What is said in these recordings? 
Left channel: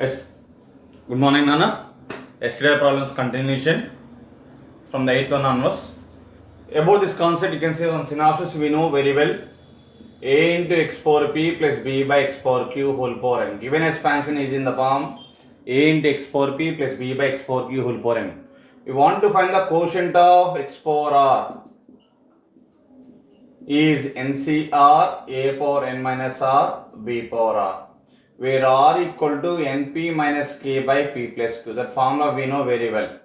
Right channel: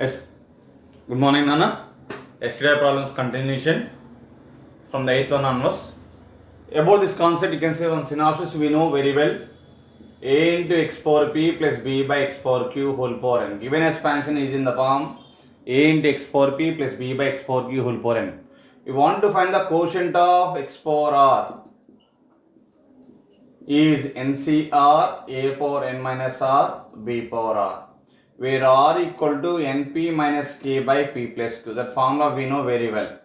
Yes. Good morning, Nana. Yesterday problems continuation from the 8th one onwards. About this concept, you can say on synopsis we know very well. A into x power p plus b by x power q whole power n. Given expansion is in the form a into x power p plus b by x power q whole power n. We want to find the quotient of x power r is NCR a power n minus r b power r, where r equal to np minus k by p plus q. That formula we know very well.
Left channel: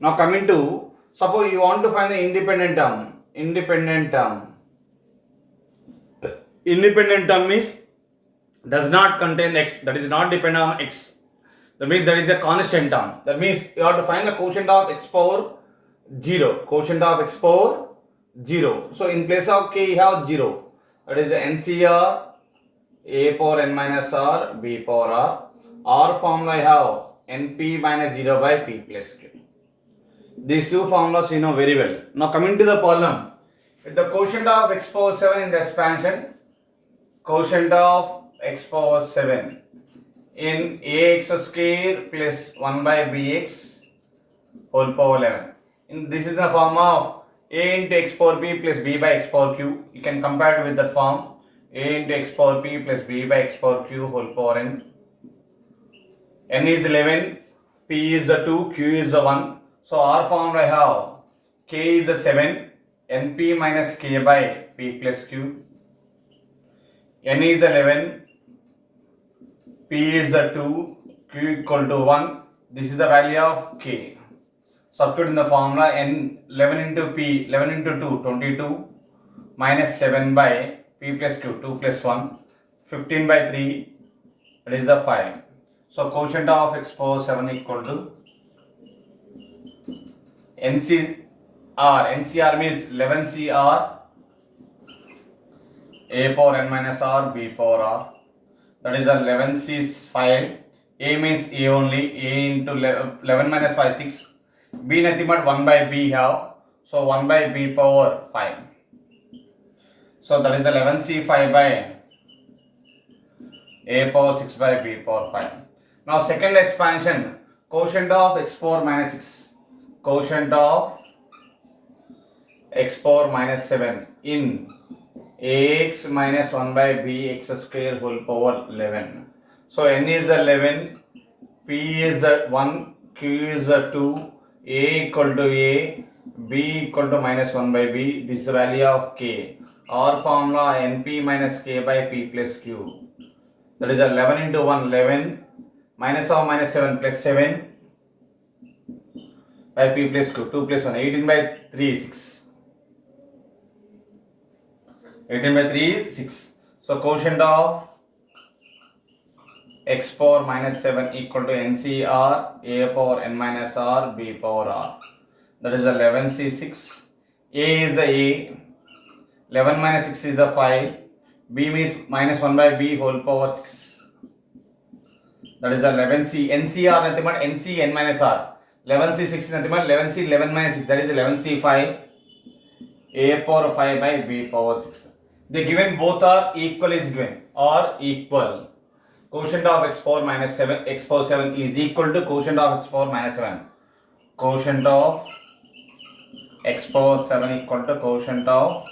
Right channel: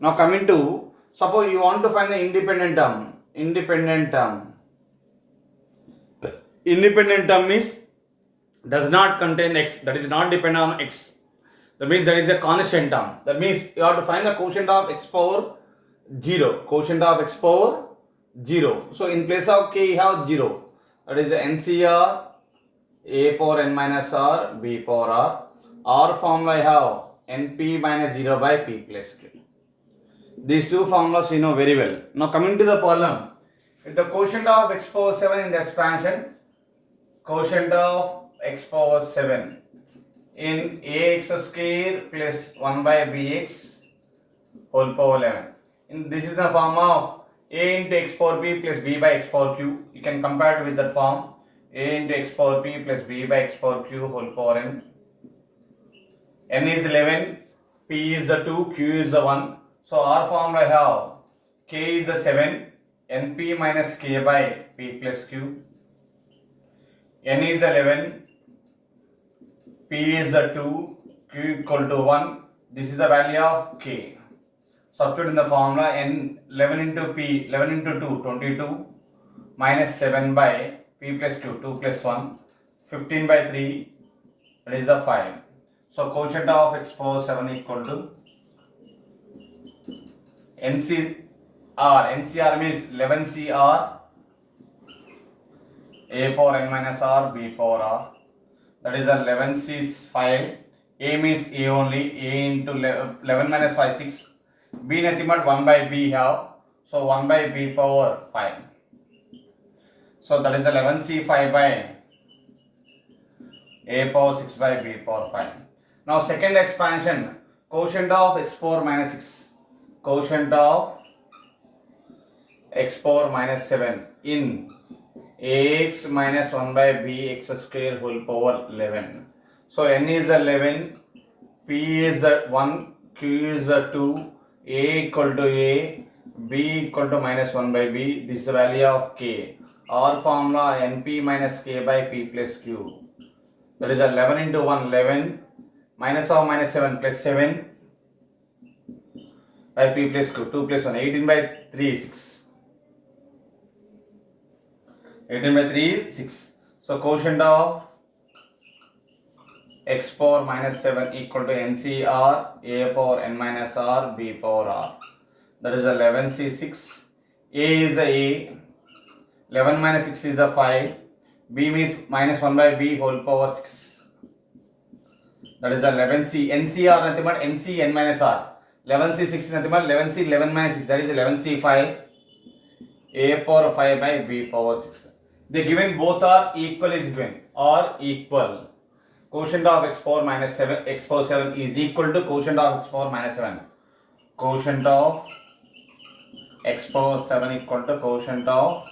Now coming to, suppose you want to find the independent term. Independent term is does not contain x, that is not dependent on x. That means there is a constant term. That means you have to find the quotient of x power 0. Quotient of x power 0. So in place of k you have 0. That is NCR a power n minus r b power r. R formula I have np minus 0 by p plus q. These two formulas you know very well. Now coming to the problem. If the quotient of x power 7 in the expansion, quotient of x power 7 in ax square plus 1 by bx whole power 11. This is the form of a into x power p plus b by x power q. You can compare it with that form. A into x power p plus b by x power q whole power n. N is 11, p is the 2, q is the 1. So R formula I have k is the 7, np minus k by p plus q. N is the 11, p is the 2, q equal to 1. This is the value of k. Substitute in the formula n 11 into p, 11 into 2, 22 minus 7 by p plus q, 2 plus 1, 15 by 3, that is the 5. So quotient of x power 7 equal to NCR means 11CR a power n minus r b power r. That is 11C is 5. A means a only. A into 11 minus 5 6. B nothing but 1 by b have. So 1 by b power 5. So that is 11C 5 by a power 6 by b power 5. Now second expansion, quotient of x power minus 6. Quotient of x power minus 7 in ax minus 1 by bx square whole power 11. So n is 11, p is 1, q is 2, a equal to a, b equal to minus 1 by b. This is the value of k. R formula np minus k by p plus q. That is 11 into 1, 11, minus of minus 7 plus 7 by p plus q, 2 plus 1, 18 by 3 6. 18 by 3 is 6. So quotient of x power minus 7 equal to NCR a power n minus r b power r. That is 11C6. A is the a. 11 minus 6 is the 5. B means minus 1 by b whole power 6. That is 11C. NCR nothing but NC n minus r. 11C6 nothing but 11C 11 minus 6. That is 11C5 a power 5 by b power 6. The given both are equal is given or equal. Quotient of x power minus 7 x power 7 is equal to quotient of x power minus 7. Quotient of x power 7 equal to quotient of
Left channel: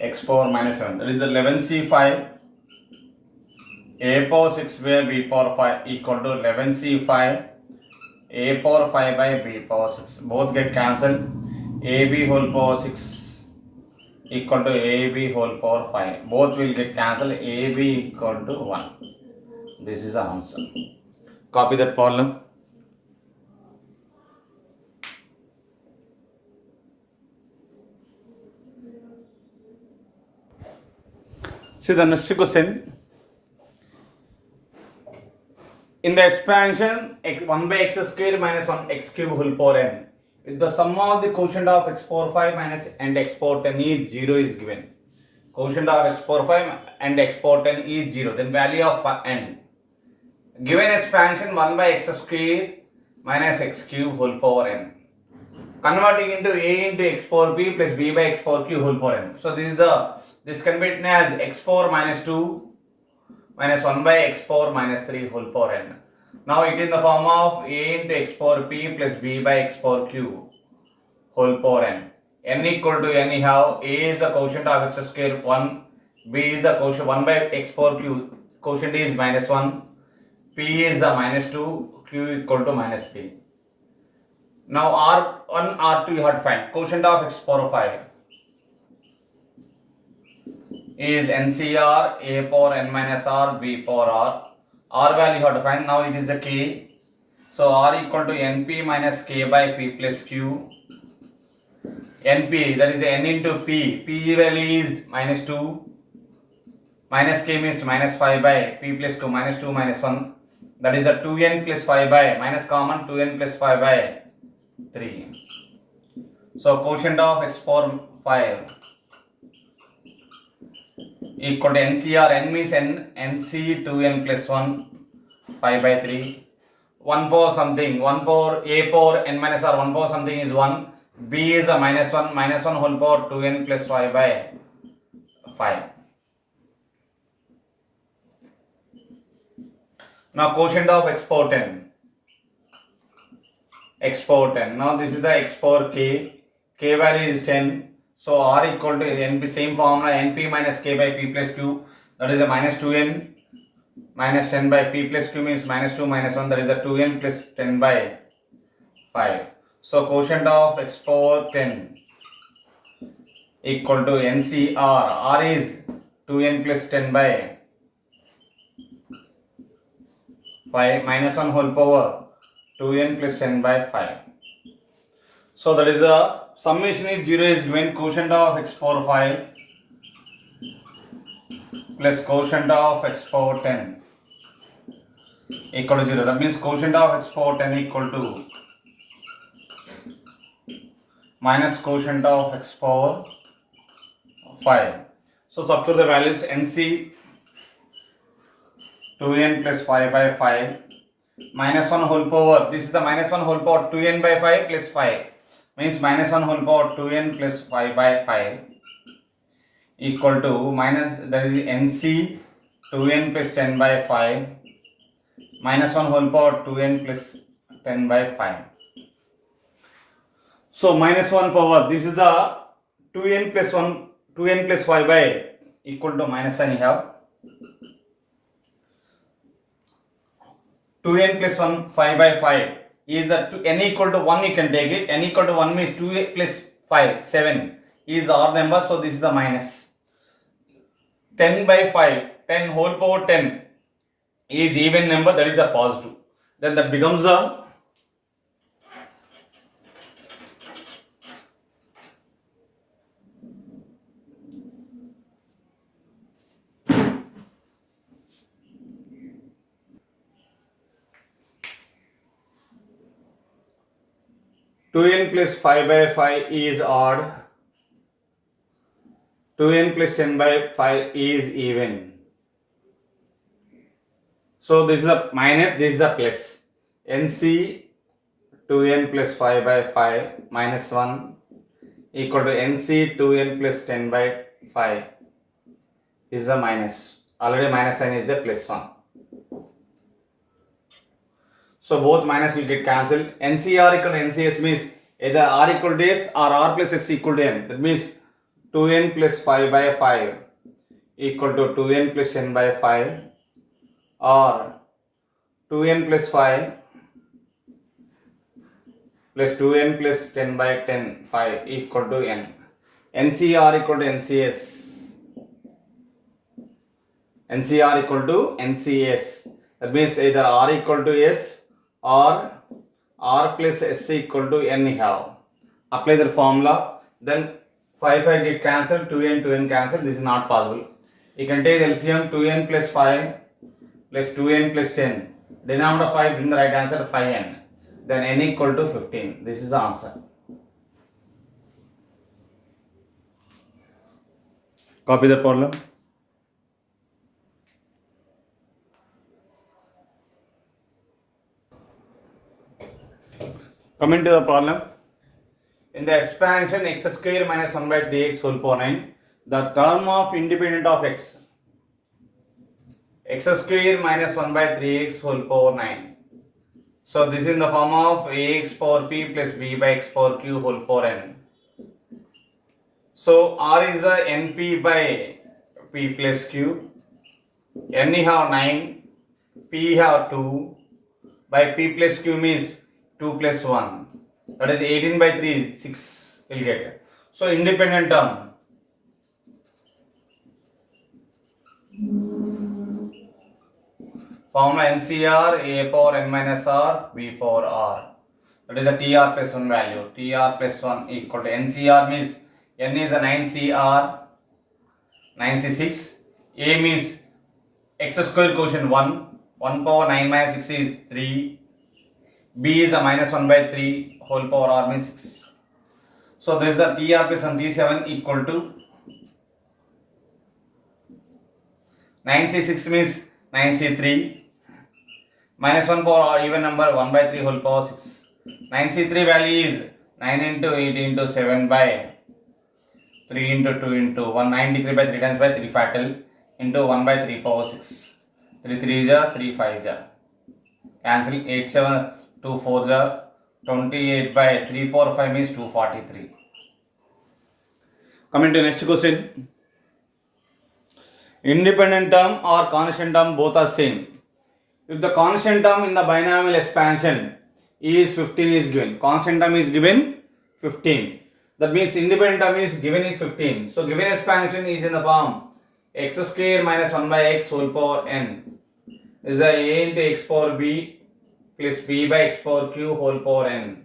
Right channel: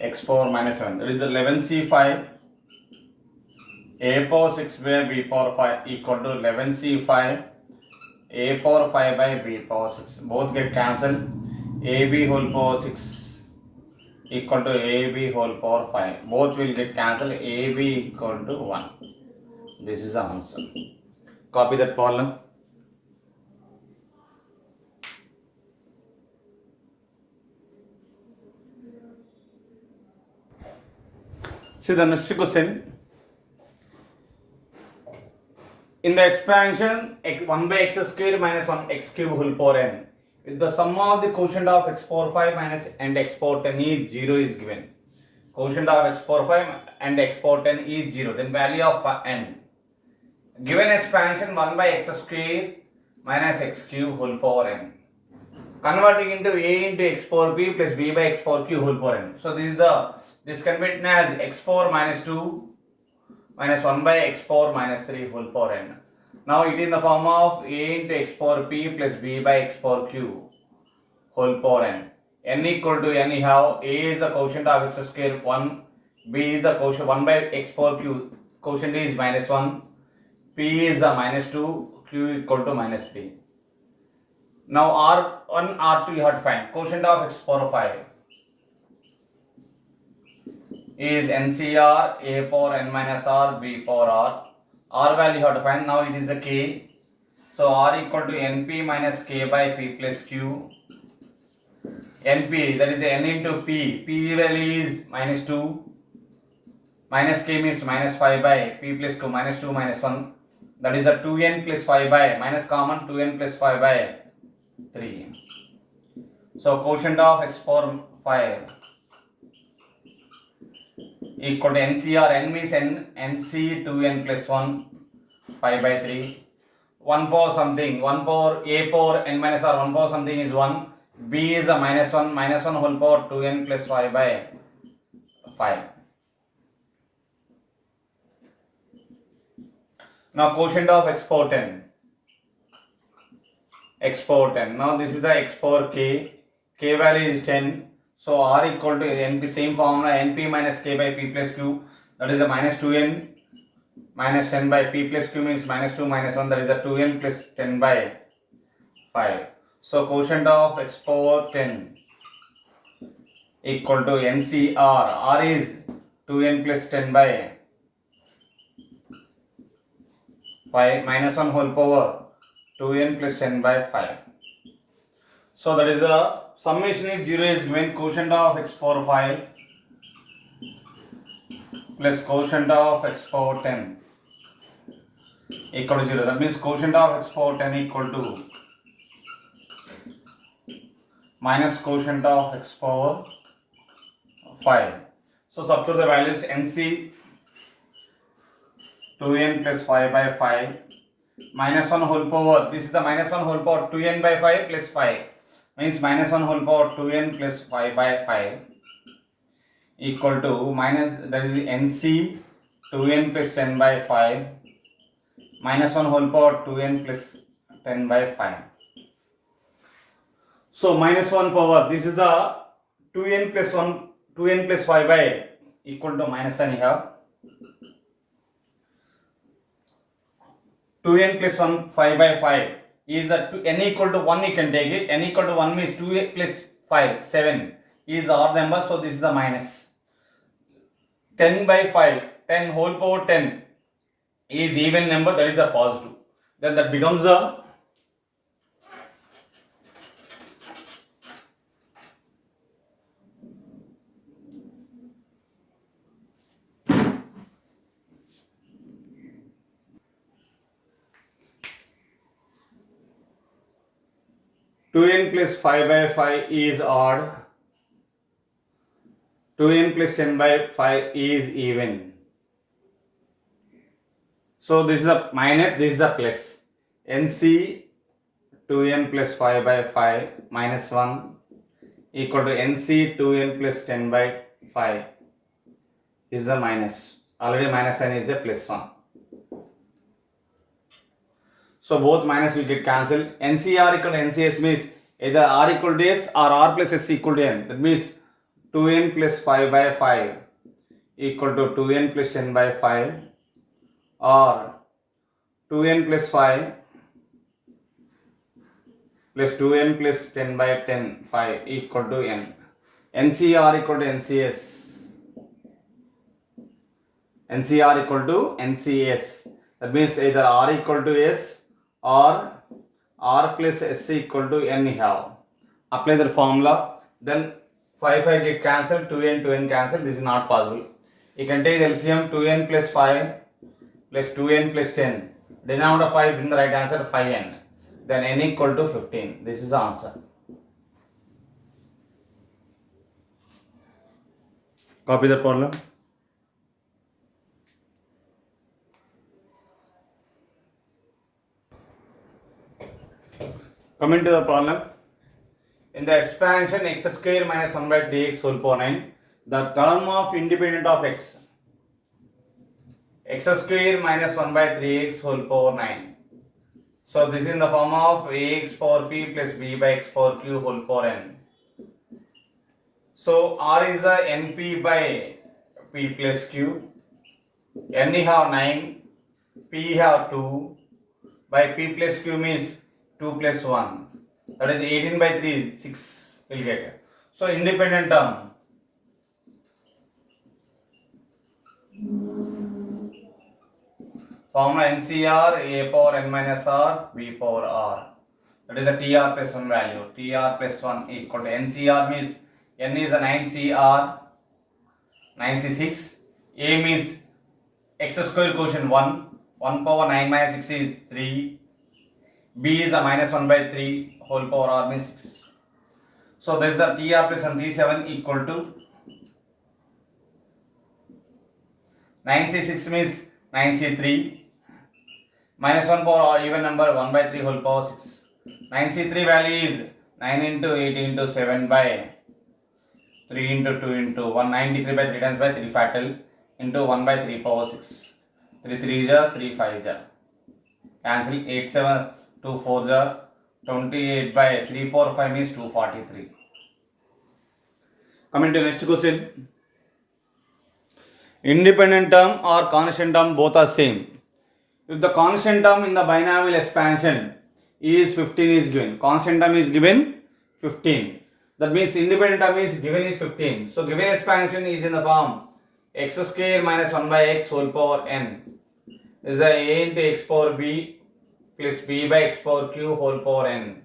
x power minus 7. That is 11C5 a power 6 by b power 5 equal to 11C5 a power 5 by b power 6. Both get cancelled. AB whole power 6 equal to AB whole power 5. Both will get cancelled. AB equal to 1. This is the answer. Copy that problem. See the next question. In the expansion 1 by x square minus 1 x cube whole power n, if the sum of the quotient of x power 5 minus and x power 10 is 0 is given. Quotient of x power 5 and x power 10 is 0. Then value of n. Given expansion 1 by x square minus x cube whole power n. Converting into a into x power p plus b by x power q whole power n. So this can be written as x power minus 2 minus 1 by x power minus 3 whole power n. Now it is in the form of a into x power p plus b by x power q whole power n. N equal to n, you have a is the quotient of x square 1, b is the quotient 1 by x power q, quotient is minus 1, p is the minus 2, q equal to minus 3. Now R1, R2 you have to find. Quotient of x power 5 is NCR, a power n minus r, b power r. R value you have to find. Now it is the k. So r equal to np minus k by p plus q. np, that is n into p. P value is minus 2. Minus k means minus 5 by p plus 2, minus 2 minus 1. That is a 2n plus 5 by, minus common, 2n plus 5 by 3. So quotient of x power 5 equal to NCR, n means n, nc 2n plus 1, 5 by 3. 1 power something, 1 power a power n minus r, 1 power something is 1, b is a minus 1, minus 1 whole power 2n plus 5 by 5. Now quotient of x power 10. X power 10. Now this is the x power k. K value is 10. So r equal to np, same formula, np minus k by p plus q. That is a minus 2n minus 10 by p plus q means minus 2 minus 1. That is a 2n plus 10 by 5. So quotient of x power 10 equal to NCR. R is 2n plus 10 by 5 minus 1 whole power 2n plus 10 by 5. So that is a summation is 0 is given. Quotient of x power 5 plus quotient of x power 10 equal to 0. That means quotient of x power 10 equal to minus quotient of x power 5. So substitute the values. NC 2n plus 5 by 5 minus 1 whole power, this is the minus 1 whole power 2n by 5 plus 5 means minus 1 whole power 2n plus 5 by 5 equal to minus, that is NC 2n plus 10 by 5 minus 1 whole power 2n plus 10 by 5. So minus 1 power, this is the 2n plus 1, 2n plus 5 by equal to minus sign you have. 2n plus 1 5 by 5 is that n equal to 1 you can take it. N equal to 1 means 2 plus 5 7 is odd number, so this is the minus. 10 by 5, 10 whole power 10 is even number, that is the positive. Then that becomes a 2n plus 5 by 5 is odd, 2n plus 10 by 5 is even. So this is a minus, this is a plus. NC 2n plus 5 by 5 minus 1 equal to NC 2n plus 10 by 5 is the minus. Already minus sign is the plus 1. So both minus will get cancelled. NCR equal to NCS means either R equal to S or R plus S equal to N. That means 2n plus 5 by 5 equal to 2n plus 10 by 5 or 2n plus 5 plus 2n plus 10 by 10 5 equal to N. NCR equal to NCS. NCR equal to NCS. That means either R equal to S or R plus S equal to N you have. Apply the formula. Then 5 get cancelled, 2n cancelled. This is not possible. You can take LCM 2n plus 5 plus 2n plus 10. Denominator 5, bring the right answer 5n. Then n equal to 15. This is the answer. Copy the problem. Coming to the problem. In the expansion x square minus 1 by 3x whole power 9, the term of independent of x x square minus 1 by 3x whole power 9. So this is in the form of ax power p plus b by x power q whole power n. So r is a np by p plus q. N have 9, p have 2, by p plus q means 2 plus 1. That is 18 by 3, 6 will get. So independent term. Formula NCR a power n minus r b power r. That is a TR plus 1 value. TR plus 1 equal to NCR means n is a 9CR, 9C6. A means x square quotient 1. 1 power 9 minus 6 is 3. B is a minus 1 by 3 whole power r means 6. So this is the TR plus 1 T7 equal to 9C6 means 9C3 minus 1 power or even number 1 by 3 whole power 6. 9C3 value is 9 into 8 into 7 by 3 into 2 into 1. 9 degree by 3 times by 3 fatal into 1 by 3 power 6. 3 3 is a 3 5 is a cancel 8 7 2 4 is a 28 by 3 power 5 means 243. Coming to next question. Independent term or constant term both are same. If the constant term in the binomial expansion is 15 is given, constant term is given 15. That means independent term is given is 15. So given expansion is in the form x square minus 1 by x whole power n is a into x power b plus b by x power q whole power n.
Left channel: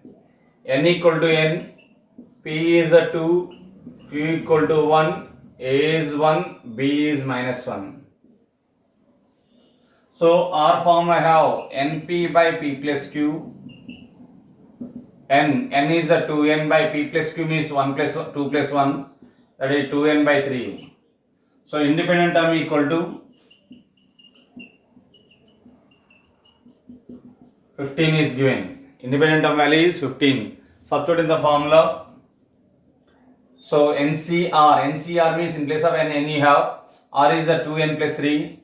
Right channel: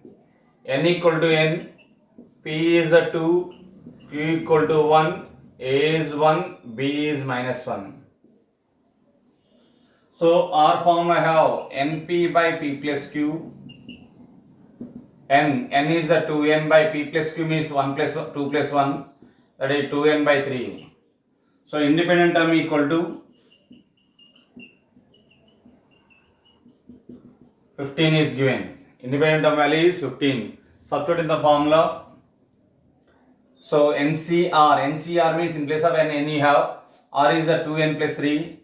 N equal to n, p is a 2, q equal to 1, a is 1, b is minus 1. So R formula have np by p plus q. N is a 2n by p plus q means 1 plus 2 plus 1, that is 2n by 3. So independent term equal to 15 is given. Independent term value is 15. Substitute in the formula. So NCR means in place of n you have R is a 2n plus 3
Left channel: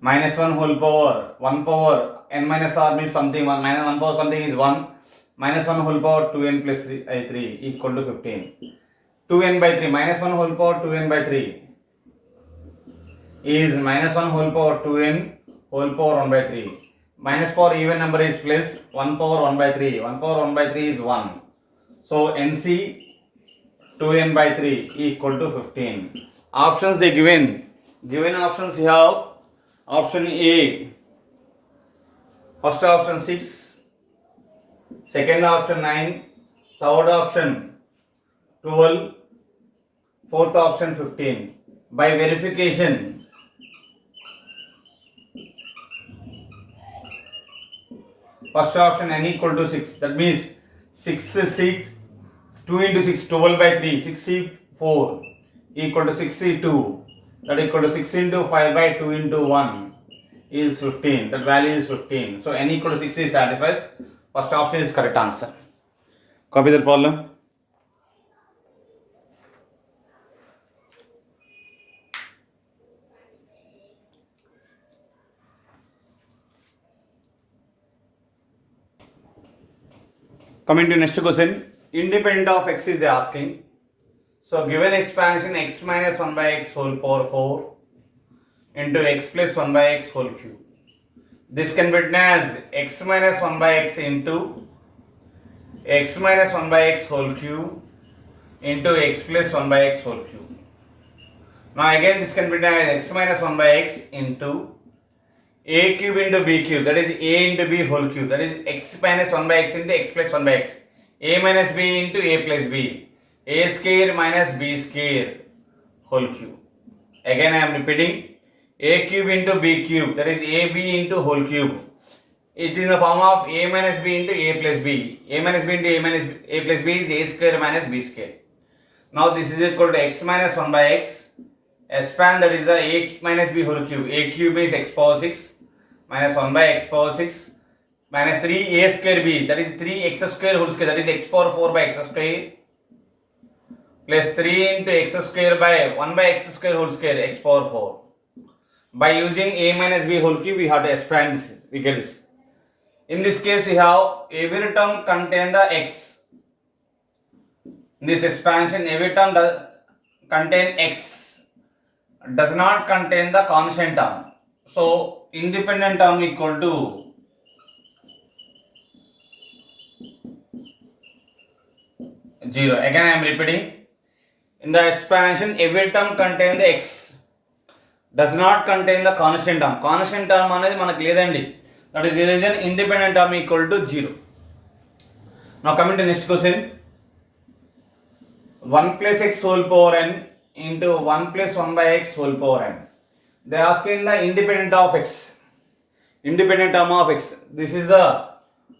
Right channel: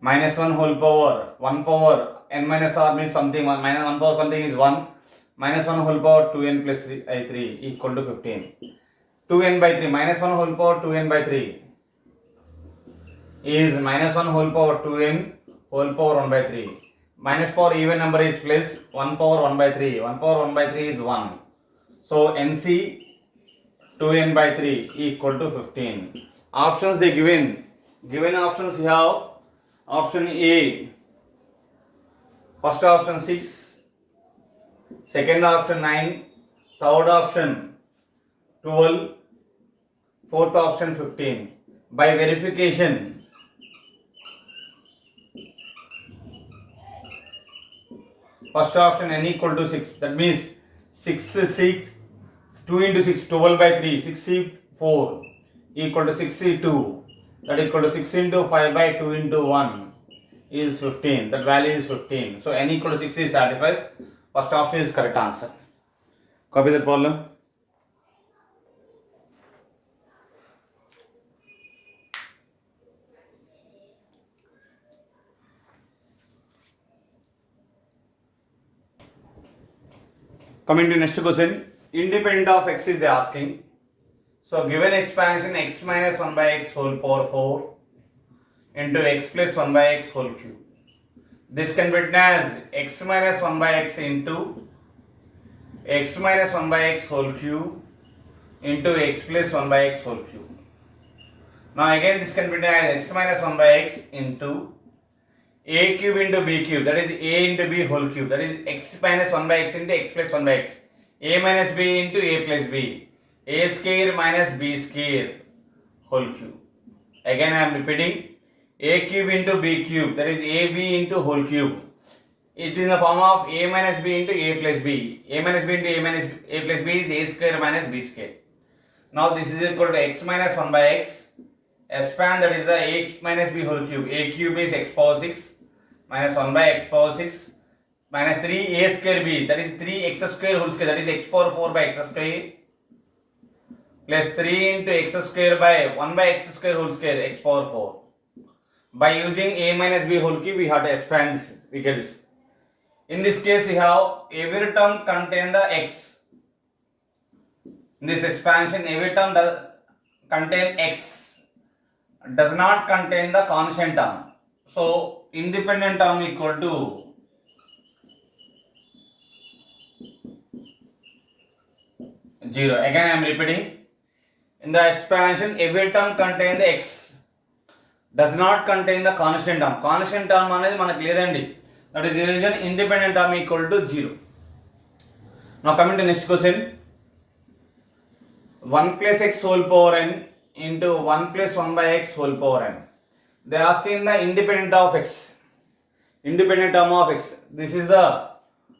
minus 1 whole power 1 power n minus r means something 1 minus 1 power something is 1 minus 1 whole power 2n plus 3 equal to 15. 2n by 3 minus 1 whole power 2n by 3 is minus 1 whole power 2n whole power 1 by 3. Minus power even number is plus 1 power 1 by 3. 1 power 1 by 3 is 1. So NC 2n by 3 equal to 15. Options they given. Given options you have option A. First option 6. Second option 9. Third option 12. Fourth option 15. By verification, first option n equal to 6. That means 6 2 into 6 12 by 3 64 equal to 62. That equal to 6 into 5 by 2 into 1 is 15. That value is 15. So n equal to 6 is satisfies. First option is correct answer. Copy the problem. Coming to next question. Independent of x is they asking. So given expansion x minus 1 by x whole power 4 into x plus 1 by x whole cube. This can be written as x minus 1 by x into x minus 1 by x whole cube into x plus 1 by x whole cube. Now again this can be written as x minus 1 by x into a cube into b cube, that is a into b whole cube, that is x minus 1 by x into x plus 1 by x, a minus b into a plus b, a square minus b square whole cube. Again I am repeating, a cube into b cube, that is ab into whole cube. It is in the form of a minus b into a plus b. A minus b into a minus a plus b is a square minus b square. Now this is equal to x minus 1 by x. Expand, that is the a minus b whole cube. A cube is x power 6 minus 1 by x power 6 minus 3 a square b, that is 3 x square whole square, that is x power 4 by x square plus 3 into x square by 1 by x square whole square x power 4. By using a minus b whole cube, we have to expand this. We get this. In this case, we have every term contain the x. In this expansion, every term does contain x. Does not contain the constant term. So independent term equal to zero. Again, I am repeating. In the expansion, every term contain the x. Does not contain the constant term. Constant term అనేది మనకు లేదండి. That is the reason independent term equal to 0. Now coming to next question. 1 plus x whole power n into 1 plus 1 by x whole power n. They are asking the independent of x. Independent term of x. This is the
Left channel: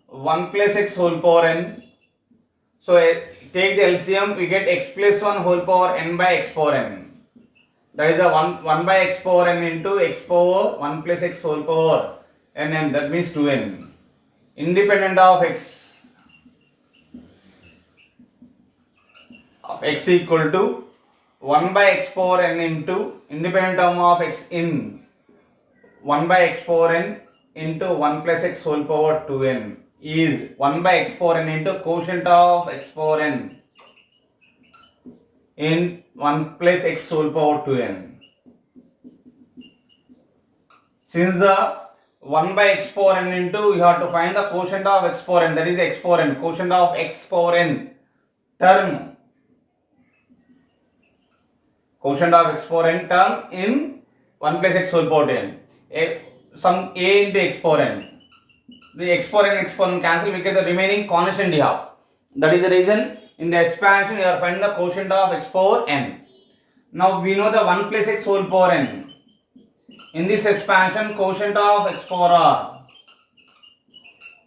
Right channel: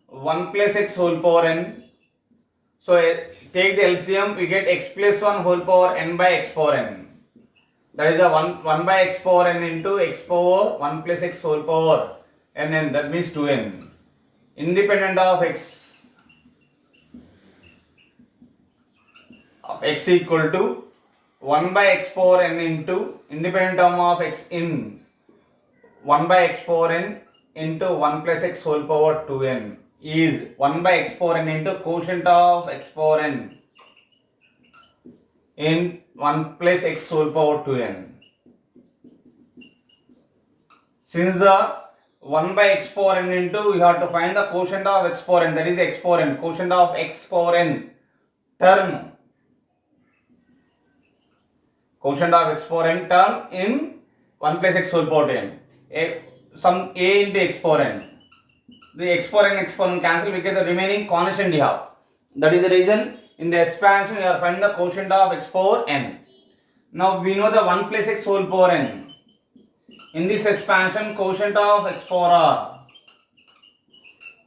1 plus x whole power n. So take the LCM, we get x plus 1 whole power n by x power n. That is a 1 by x power n into x power 1 plus x whole power n, that means 2n. Independent of x equal to 1 by x power n into independent term of x in 1 by x power n into 1 plus x whole power 2n is 1 by x power n into quotient of x power n in 1 plus x whole power 2n. Since the 1 by x power n into, you have to find the quotient of x power n, that is x power n, quotient of x power n term, quotient of x power n term in 1 plus x whole power 2n. Some a into x power n. The x power n cancel because the remaining constant you have. That is the reason in the expansion you are finding the quotient of x power n. Now we know the 1 plus x whole power n. In this expansion, quotient of x power r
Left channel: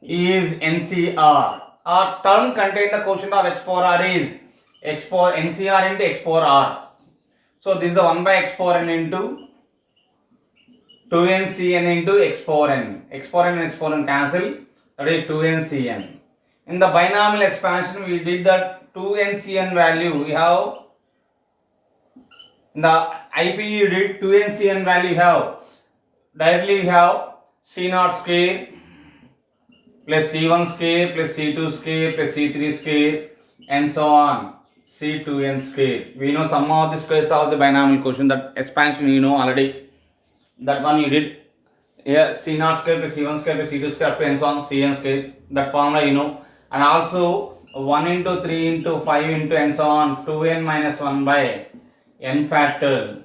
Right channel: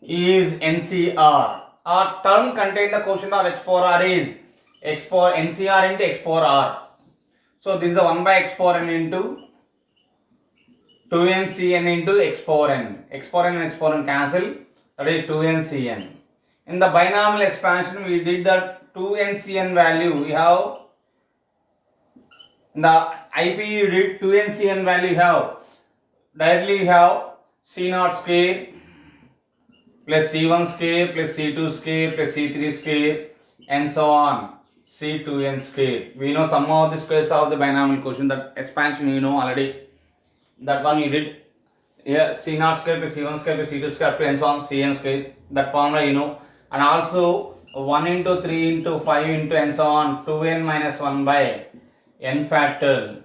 is NCR. Our term contain the quotient of x power r is x power NCR into x power r. So this is the 1 by x power n into 2ncn into x power n. X power n and x power n cancel. That is 2ncn. In the binomial expansion, we did that 2ncn value. We have in the IP you did 2ncn value. You have directly you have c0 square plus c1 square plus c2 square plus c3 square and so on c2n square. We know some of the squares of the binomial quotient. That expansion you know already. That one you did. Here c0 square plus c1 square plus c2 square and so on cn square. That formula you know. And also 1 into 3 into 5 into and so on 2n minus 1 by n factorial.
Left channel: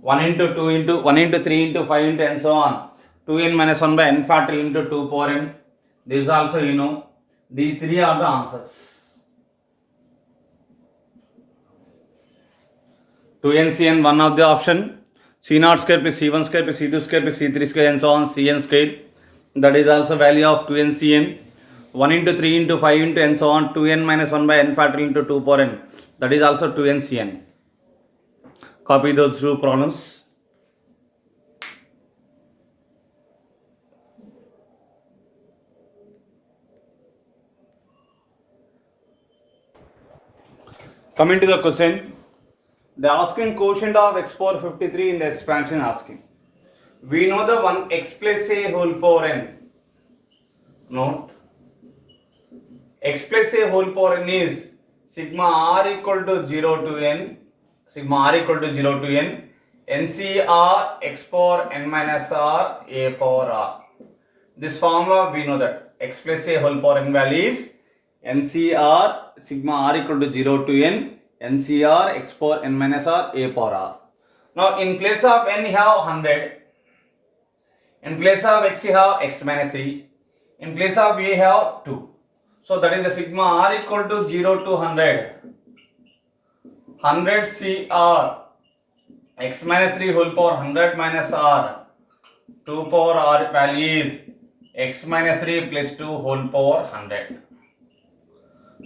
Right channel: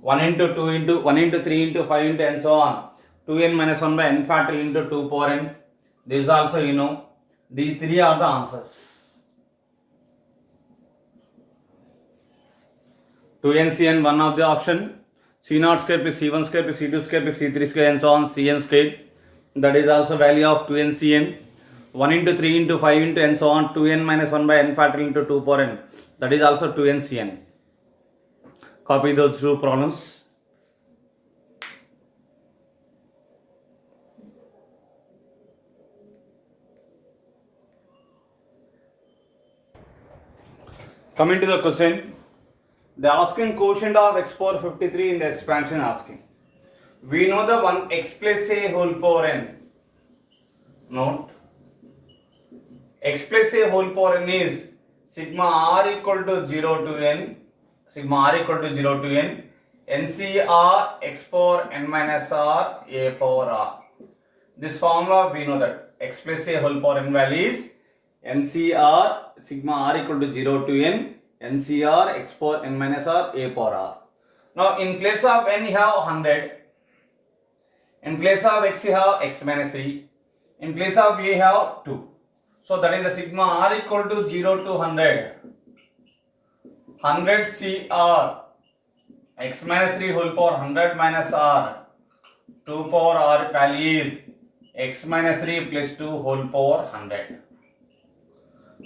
1 into 2 into 1 into 3 into 5 into and so on 2n minus 1 by n factorial into 2 power n. This also you know. These three are the answers. 2ncn one of the option. c0 square plus c1 square plus c2 square plus c3 square and so on cn square. That is also value of 2ncn. 1 into 3 into 5 into and so on 2n minus 1 by n factorial into 2 power n. That is also 2ncn. Copy those two problems. Coming to the question, they are asking quotient of x power 53 in the expansion asking. We know the one x plus a whole power n. Note, x plus a whole power n is sigma r equal to 0 to n, sigma r equal to 0 to n, NCR x power n minus r a power r. This formula we know that x plus a whole power n value is NCR sigma r equal to 0 to n, NCR x power n minus r a power r. Now in place of n you have 100, in place of x you have x minus 3, in place of a you have 2. So that is the sigma r equal to 0 to 100. 100 CR x minus 3 whole power 100 minus r 2 power r value is x minus 3 plus 2 whole power 100.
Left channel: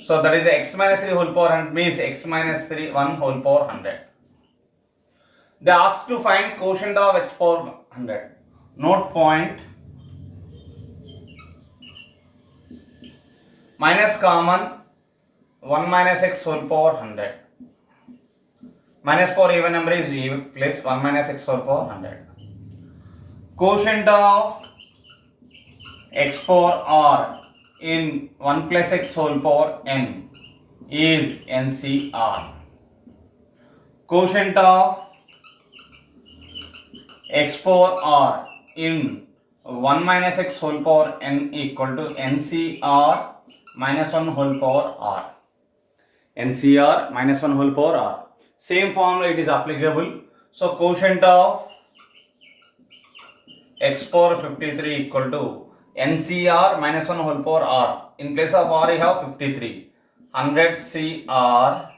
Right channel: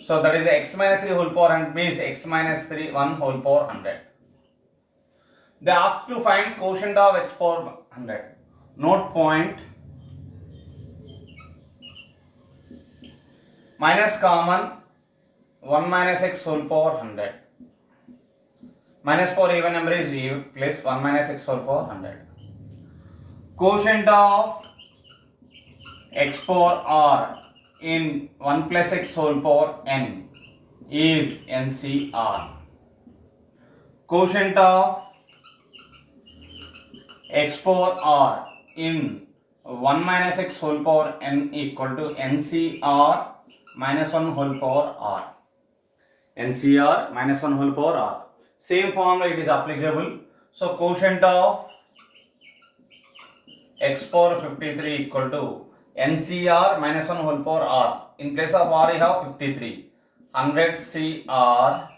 So that is x minus 3 whole power 100 means x minus 3 1 whole power 100. They ask to find quotient of x power 100. Note point, minus common 1 minus x whole power 100. minus 4 even number is v plus 1 minus x whole power 100. Quotient of x power r in 1 plus x whole power n is NCR. Quotient of x power r in 1 minus x whole power n equal to NCR minus 1 whole power r. NCR minus 1 whole power r. Same formula it is applicable. So quotient of x power 53 equal to NCR minus 1 whole power r. In place of r you have 53. 100 CR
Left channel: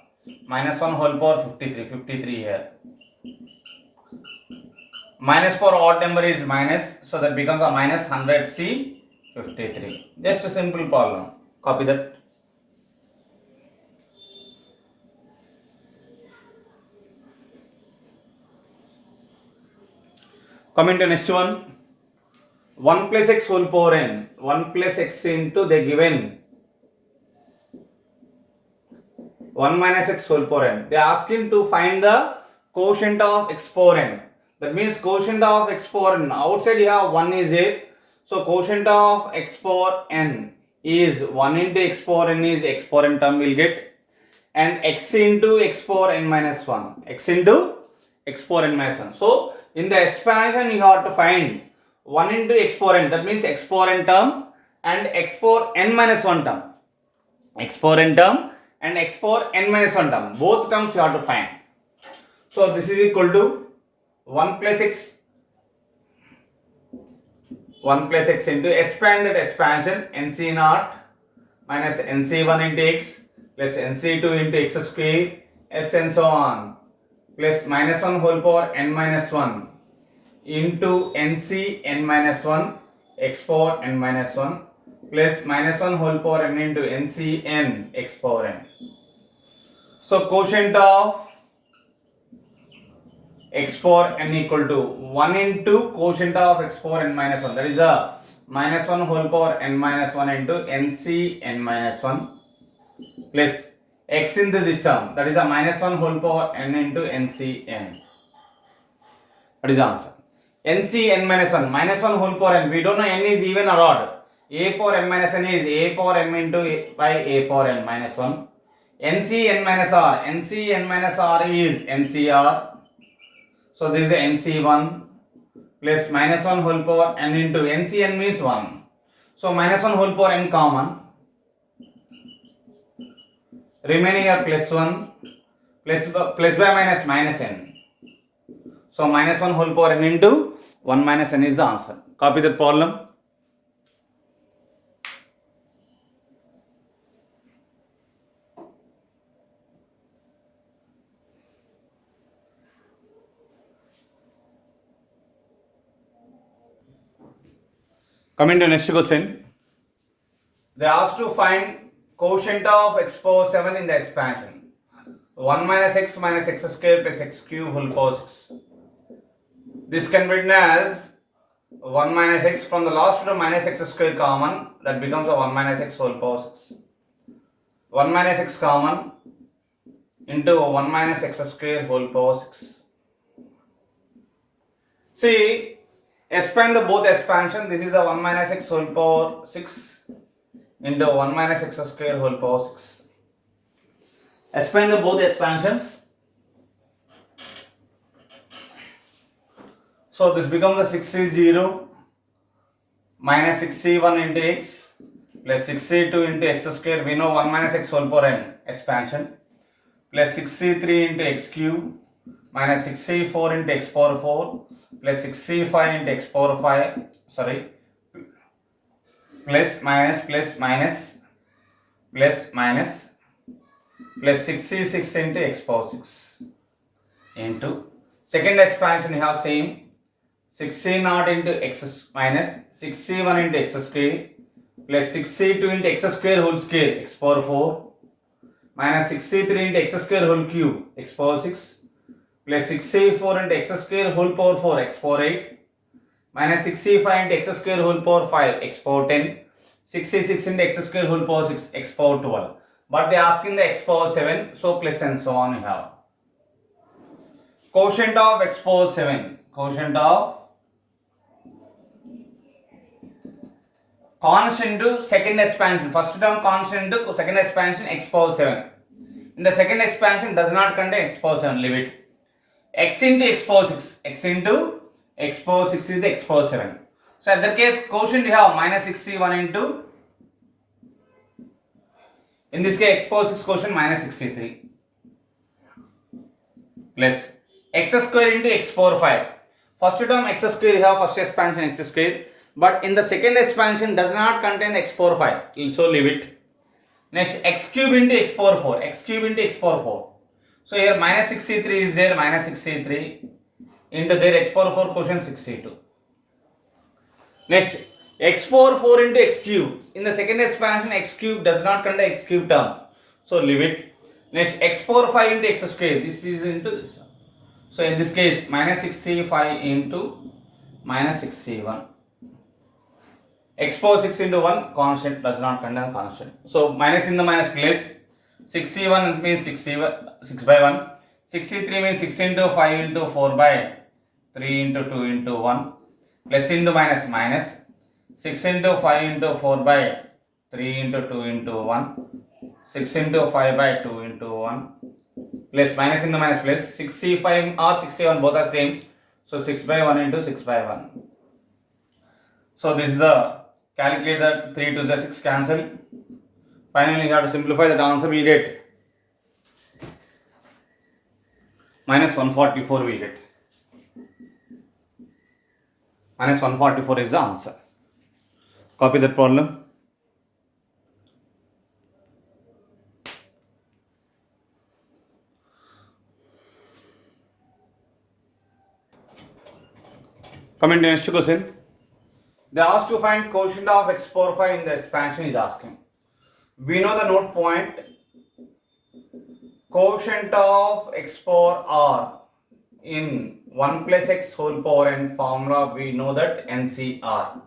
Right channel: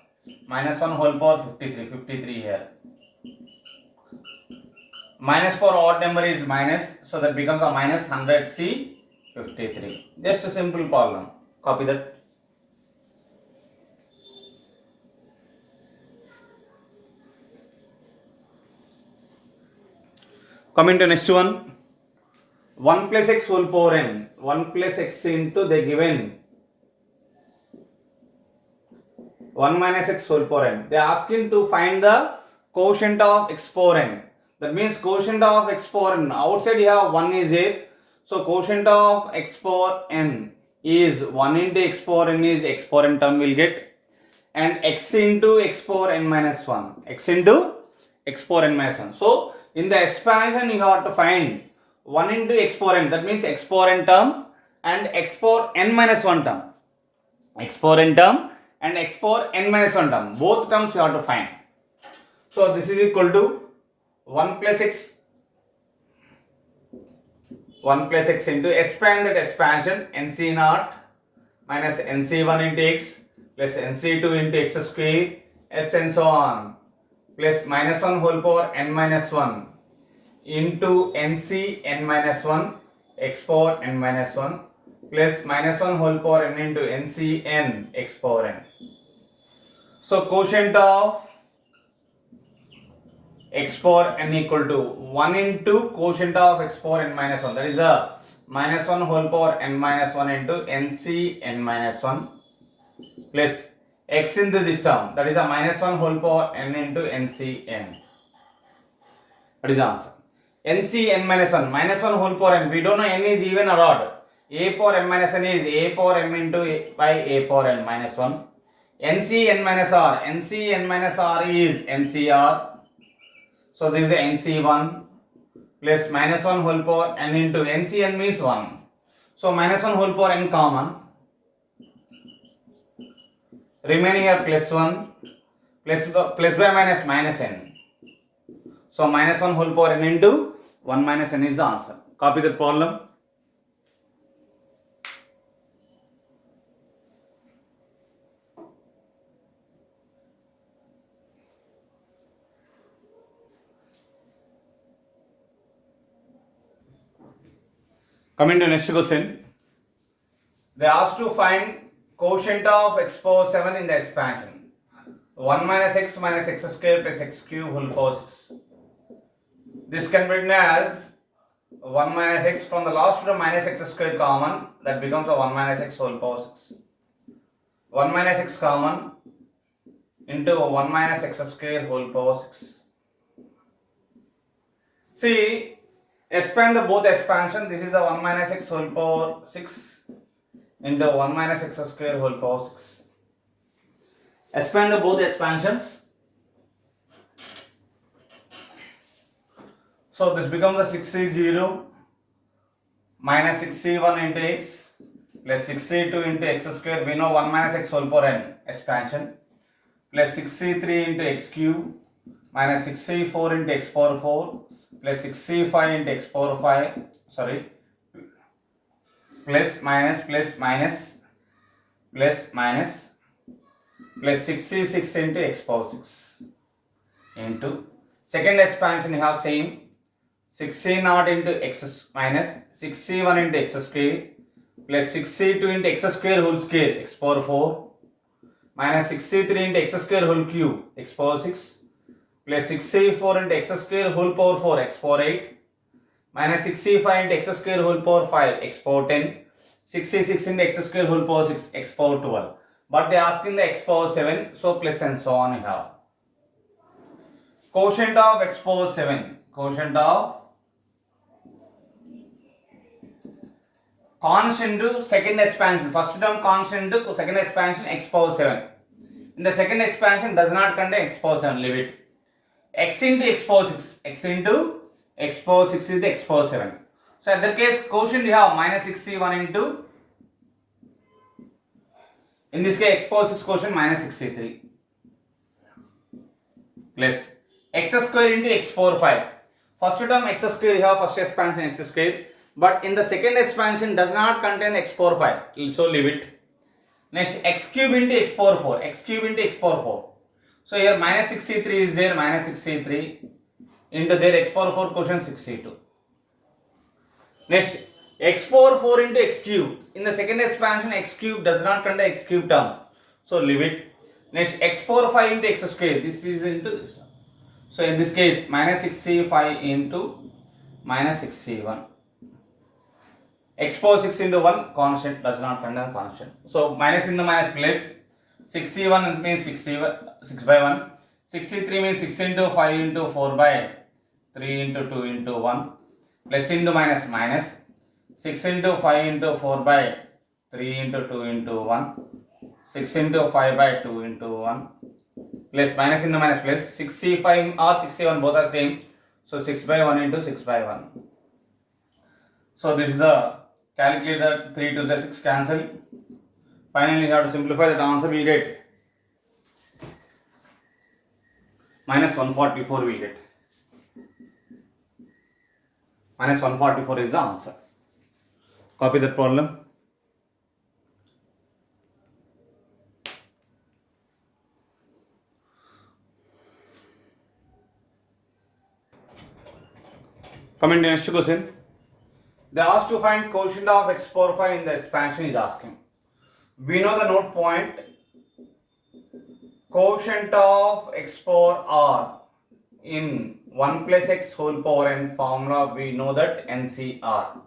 minus 1 whole power 53 here. Minus for odd number is minus, so that becomes a minus 100 C 53. Just a simple problem. Copy that. Coming to next one. 1 plus x whole power n. 1 plus x into the given 1 minus x whole power n. They are asking to find the quotient of x power n. That means quotient of x power n. Outside you have 1 is there. So quotient of x power n is 1 into x power n is x power n term will get. And x into x power n minus 1. X into x power n minus 1. So in the expansion you have to find 1 into x power n. That means x power n term and x power n minus 1 term. X power n term and x power n minus 1 term. Both terms you have to find. So this is equal to 1 plus x into expand that expansion NC naught minus NC1 into x plus NC2 into x square s and so on plus minus 1 whole power n minus 1 into NC n minus 1 x power n minus 1 plus minus 1 whole power n into NC n x power n. So quotient of x power n equal to 1 into quotient of x power n minus 1. That is a minus 1 whole power n minus 1 into NC n minus 1 plus x into this term. That is a minus 1 whole power n into NC n. That is the answer. NC n minus 1. Minus 1 whole power n. We don't know n is even or odd. A power m minus n is a power m into a by a power n minus 1. NC n minus r. NC n minus r is NCR. So this is NC1 plus minus 1 whole power n into NCn means 1. So minus 1 whole power n common. Remaining here plus 1 plus by minus minus n. So minus 1 whole power n into 1 minus n is the answer. Copy the problem. Coming to next question. They asked to find quotient of x power 7 in the expansion. 1 minus x square plus x cube whole power 6. This can be written as 1 minus x from the last row minus x square common. That becomes a 1 minus x whole power 6. 1 minus x common into 1 minus x square whole power 6. See, expand the both expansion. This is the 1 minus x whole power 6 into 1 minus x square whole power 6. Expand the both expansions. So this becomes a 6c0 minus 6c1 into x plus 6c2 into x square. We know 1 minus x whole power n expansion plus 6c3 into x cube minus 6c4 into x power 4 plus 6c5 into x power 5, plus minus plus 6c6 into x power 6 into second expansion you have same 6c0 into x minus 6c1 into x square plus 6c2 into x square whole square x power 4 minus 6c3 into x square whole cube x power 6 plus 6c4 into x square whole power 4 x power 8 minus 6c5 into x square whole power 5 x power 10 6c6 into x square whole power 6 x power 12. But they are asking the x power 7, so plus and so on you have. quotient of x power 7, quotient of constant to second expansion, first term constant to second expansion x power 7. In the second expansion does not contain x power 7, leave it. X into x power 6, x into x power 6 is the x power 7. So in that case quotient you have minus 61 into, in this case x power 6 quotient minus 63 plus x square into x power 5. First term x square you have first expansion x square, but in the second expansion does not contain x power 5, so leave it. Next x cube into x power 4, x cube into x power 4. So here minus 63 is there, minus 63 into there x power 4 quotient 62. Next x power 4 into x cube. In the second expansion x cube does not contain x cube term, so leave it. Next x power 5 into x square, this is into this one. So in this case minus 65 into minus 61. X power 6 into 1 constant, does not contain constant. So minus in the minus place, 61 means 6 by 1. 63 means 6 into 5 into 4 by 3 into 2 into 1. Plus into minus minus. 6 into 5 into 4 by 3 into 2 into 1. 6 into 5 by 2 into 1. Plus minus in the minus place. 65 or 61 both are same. So 6 by 1 into 6 by 1. So this is the calculator, 3 to the 6 cancel. Finally you have to simplify, that answer will get minus 144 will get. Minus 144 is the answer. Copy that problem. Coming to the next question. They asked to find quotient of x power 5 in the expansion is asking. We know the note point. Quotient of x power r in 1 plus x whole power n formula, we know that NCR.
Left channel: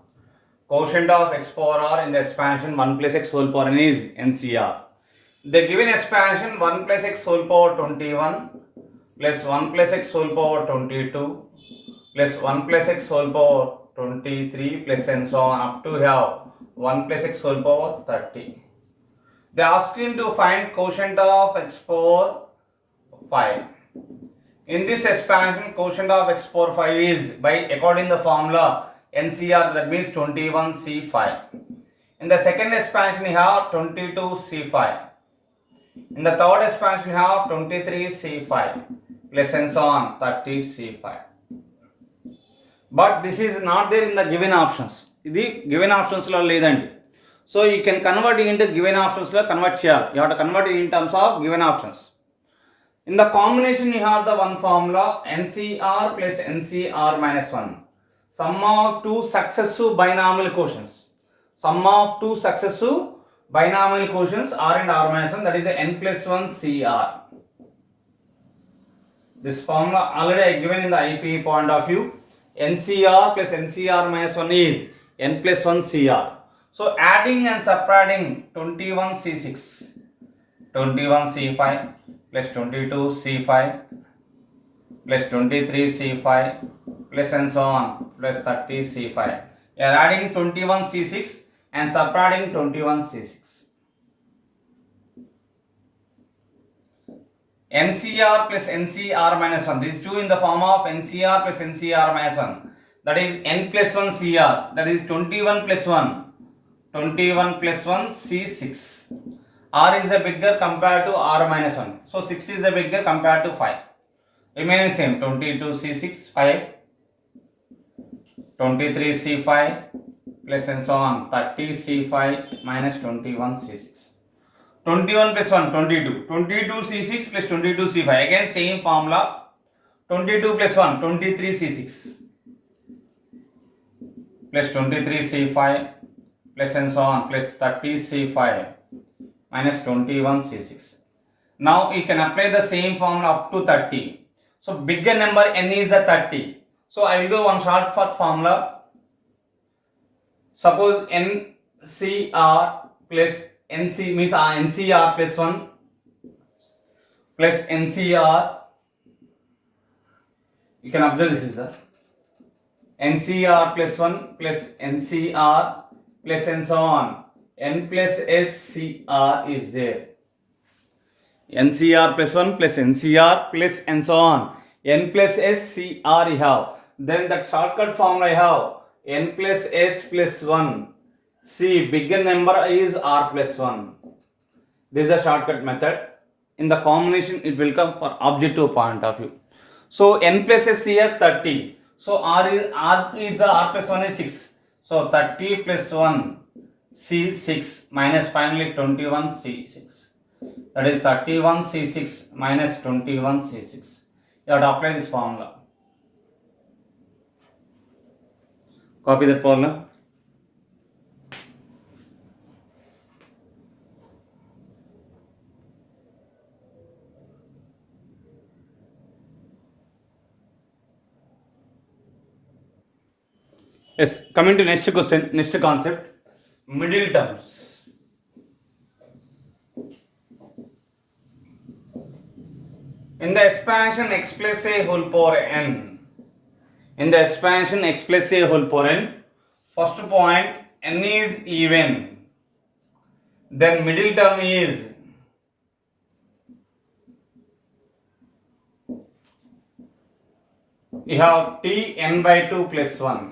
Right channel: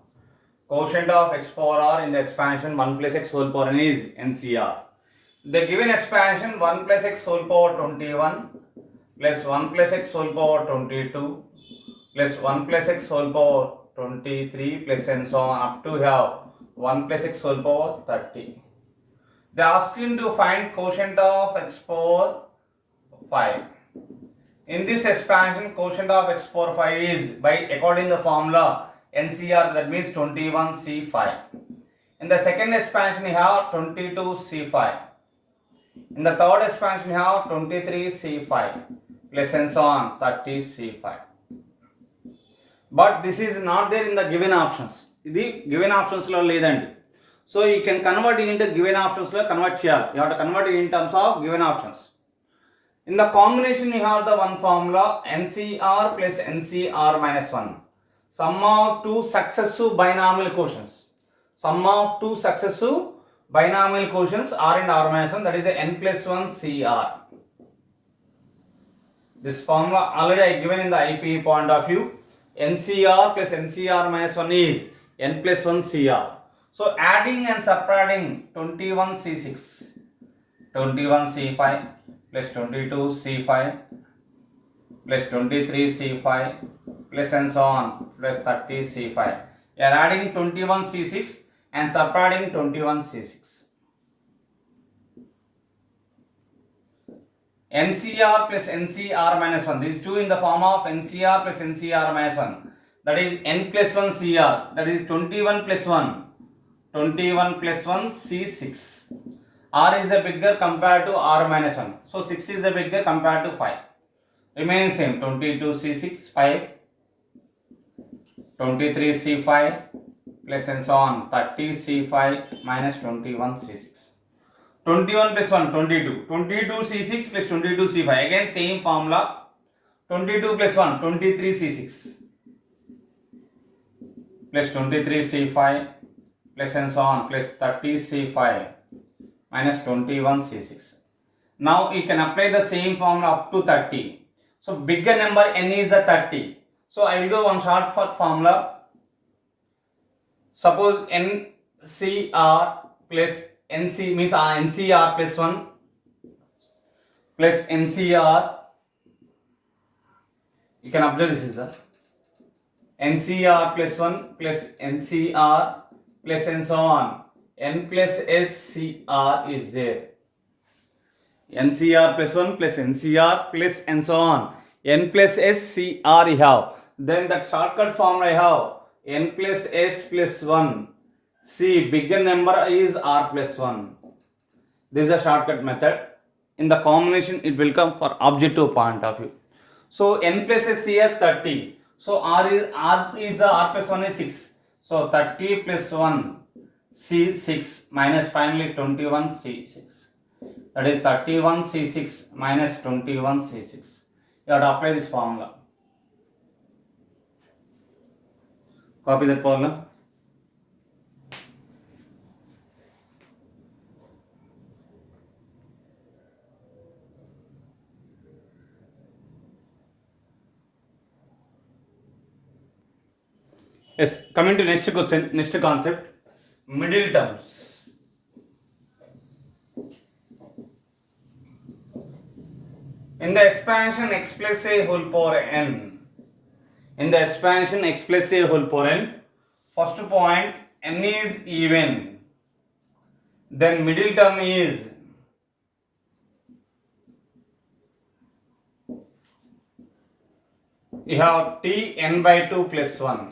Quotient of x power r in the expansion 1 plus x whole power n is NCR. The given expansion 1 plus x whole power 21 plus 1 plus x whole power 22 plus 1 plus x whole power 23 plus and so on up to have 1 plus x whole power 30. They are asking to find quotient of x power 5. In this expansion, quotient of x power 5 is by according the formula NCR, that means 21C5. In the second expansion, you have 22C5. In the third expansion, you have 23C5 plus and so on 30C5. But this is not there in the given options. The given options lo ledandi. So you can convert it into given options lo convert cheyali. You have to convert it in terms of given options. In the combination you have the one formula NCR plus NCR minus 1. Sum of two successive binomial quotients. Sum of two successive binomial quotients R and R minus 1, that is a n plus 1 CR. This formula already I given in the IPE point of view. NCR plus NCR minus 1 is n plus 1 CR. So adding and subtracting 21C6, 21C5 plus 22C5 plus 23C5 plus and so on plus 30C5. You are adding 21C6 and subtracting 21C6. NCR plus NCR minus 1. These two in the form of NCR plus NCR minus 1. That is n plus 1 CR. That is 21 plus 1. 21 plus 1 C6. R is the bigger compared to R minus 1. So 6 is the bigger compared to 5. Remaining same. 22 C6 5. 23 C5 plus and so on 30 C5 minus 21 C6. 21 plus 1 22. 22 C6 plus 22 C5. Again same formula. 22 plus 1 23 C6 plus 23 C5 plus and so on plus 30 C5 minus 21 C6. Now you can apply the same formula up to 30. So bigger number n is the 30. So I will go one shortcut formula. Suppose NCR plus NC means NCR plus 1 plus NCR You can observe this is the NCR plus 1 plus NCR plus and so on. N plus SCR is there. NCR plus 1 plus NCR plus and so on. N plus SCR you have. Then the shortcut formula I have N plus S plus 1. See, bigger number is R plus 1. This is a shortcut method. In the combination, it will come for objective point of view. So N plus S here 30. So R plus 1 is 6. So 30 plus 1 C6 minus finally 21 C6. That is 31 C6 minus 21 C6. You have to apply this formula. Copy that formula. Yes, coming to next question, next concept, middle terms. In the expansion x plus a whole power n, in the expansion x plus a whole power n, first point n is even, then middle term is you have t n by 2 plus 1.